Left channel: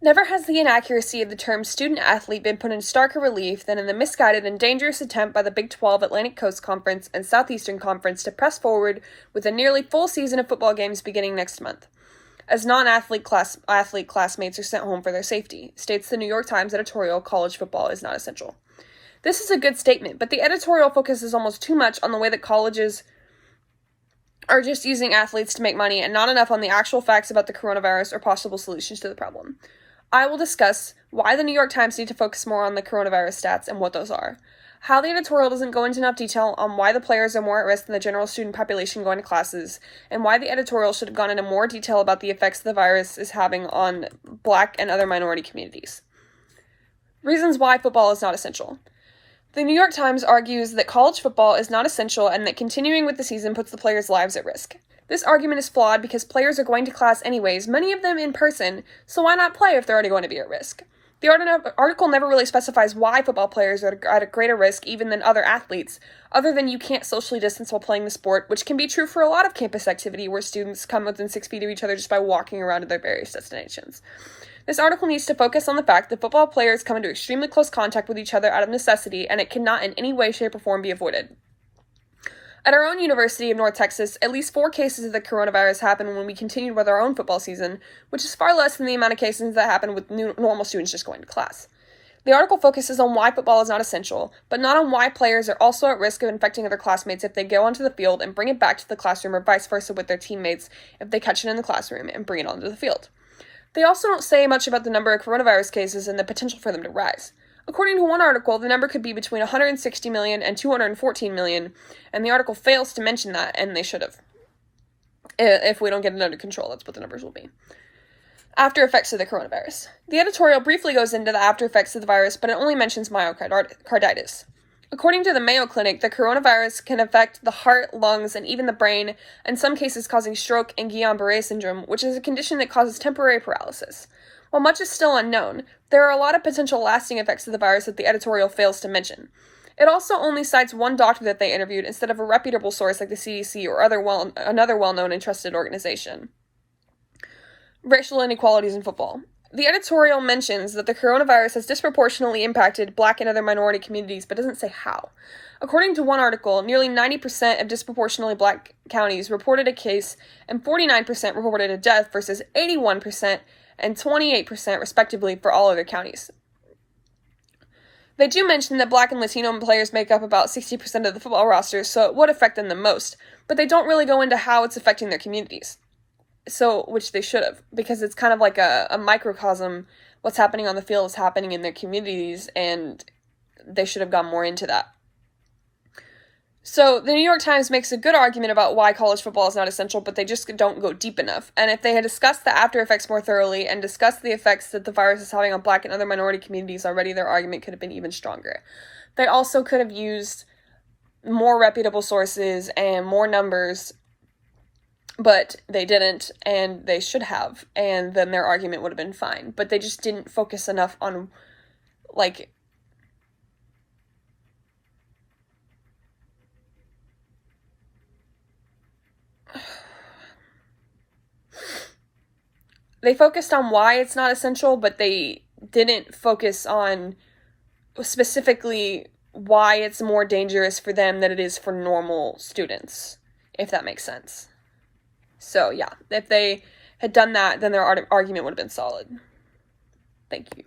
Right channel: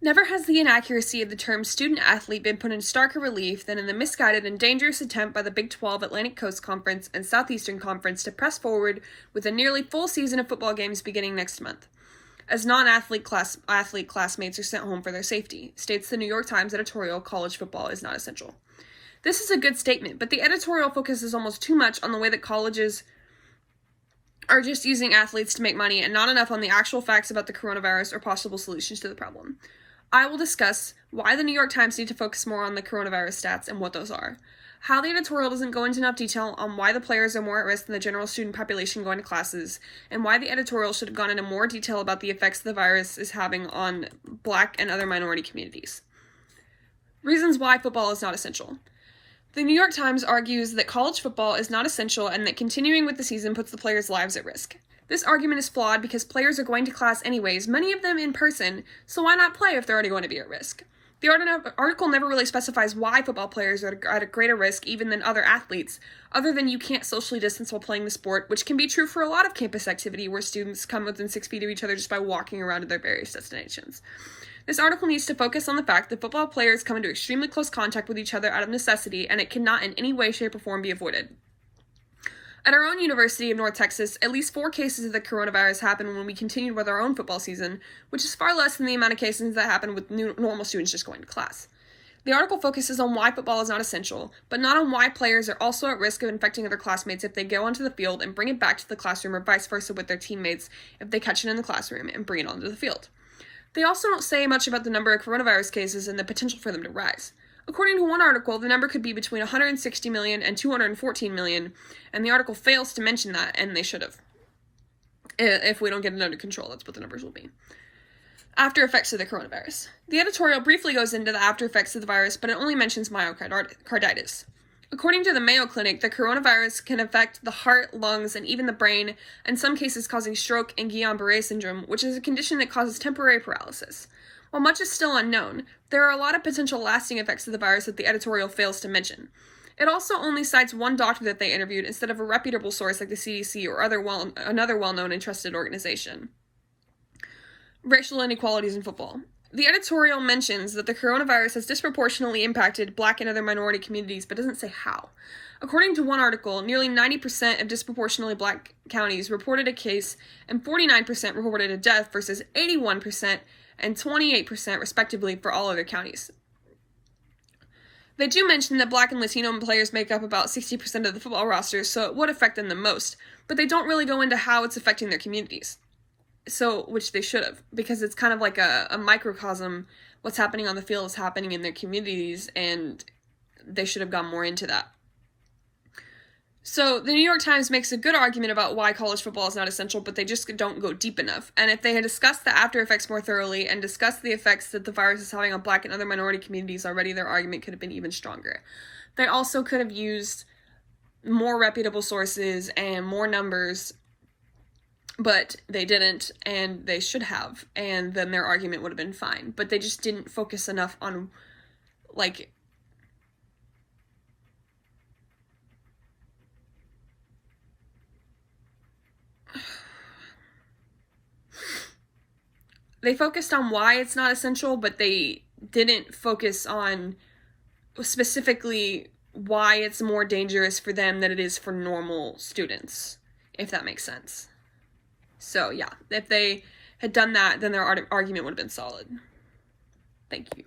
Never has the inaccuracy of the term student-athlete been put in starker relief than in the misguided and dangerous attempt by the Big 12 Atlantic Coast Conference and Southeastern Conference to press forward with a nearly full season of football games beginning next month, as non-athlete classmates are sent home for their safety, states the New York Times editorial, "College football is not essential." This is a good statement, but the editorial focuses almost too much on the way that colleges are just using athletes to make money and not enough on the actual facts about the coronavirus or possible solutions to the problem. I will discuss why the New York Times need to focus more on the coronavirus stats and what those are, how the editorial doesn't go into enough detail on why the players are more at risk than the general student population going to classes, and why the editorial should have gone into more detail about the effects the virus is having on Black and other minority communities. Reasons why football is not essential. The New York Times argues that college football is not essential and that continuing with the season puts the players' lives at risk. This argument is flawed because players are going to class anyways, many of them in person, so why not play if they're already going to be at risk? The article never really specifies why football players are at a greater risk even than other athletes, other than you can't socially distance while playing the sport, which can be true for a lot of campus activity where students come within 6 feet of each other just by walking around to their various destinations. This article needs to focus on the fact that football players come into extremely close contact with each other out of necessity, and it cannot in any way, shape, or form be avoided. At our own University of North Texas, at least 4 cases of the coronavirus happened when we continued with our own football season, which is far less than the amount of cases that happen with normal students just going to class. The article focuses on why football is not essential, but not on why players are also at risk of infecting other classmates if they go onto the field and bring it back to the classroom, or vice versa with their teammates if they catch it in the classroom and bring it onto the field. They also don't say much about the number of coronavirus cases and the potential for them to rise. According to one article, the number could be between 160 million and 214 million, and the article fails to mention that, and they should have. If we don't get it under control, that's what the numbers will be. After effects of the coronavirus. The editorial briefly goes into the after effects of the virus, but it only mentions myocarditis. According to the Mayo Clinic, the coronavirus can affect the heart, lungs, and even the brain, in some cases causing stroke and Guillain-Barré syndrome, which is a condition that causes temporary paralysis. While much is still unknown, there are a lot of potential lasting effects of the virus that the editorial fails to mention. It also only cites one doctor that they interviewed instead of a reputable source like the CDC or another well-known and trusted organization. Racial inequalities in football. The editorial mentions that the coronavirus has disproportionately impacted Black and other minority communities, but doesn't say how. According to one article, nearly 90% of disproportionately Black counties reported a case, and 49% reported a death versus 81% and 28% respectively for all other counties. They do mention that Black and Latino players make up about 60% of the football roster, so it would affect them the most, but they don't really go into how it's affecting their communities. Which they should have, because it's kind of like a microcosm. What's happening on the field is happening in their communities, and they should have gone more into that. So the New York Times makes a good argument about why college football is not essential, but they just don't go deep enough. And if they had discussed the after effects more thoroughly and discussed the effects that the virus is having on Black and other minority communities already, their argument could have been even stronger. They also could have used more reputable sources and more numbers, but they didn't, and they should have, and then their argument would have been fine. But they just didn't focus enough on, they focused on why it's not essential, but they didn't focus on specifically why it's more dangerous for them than it is for normal students, if that makes sense. So, yeah, if they had done that, then their argument would have been solid. Thank you.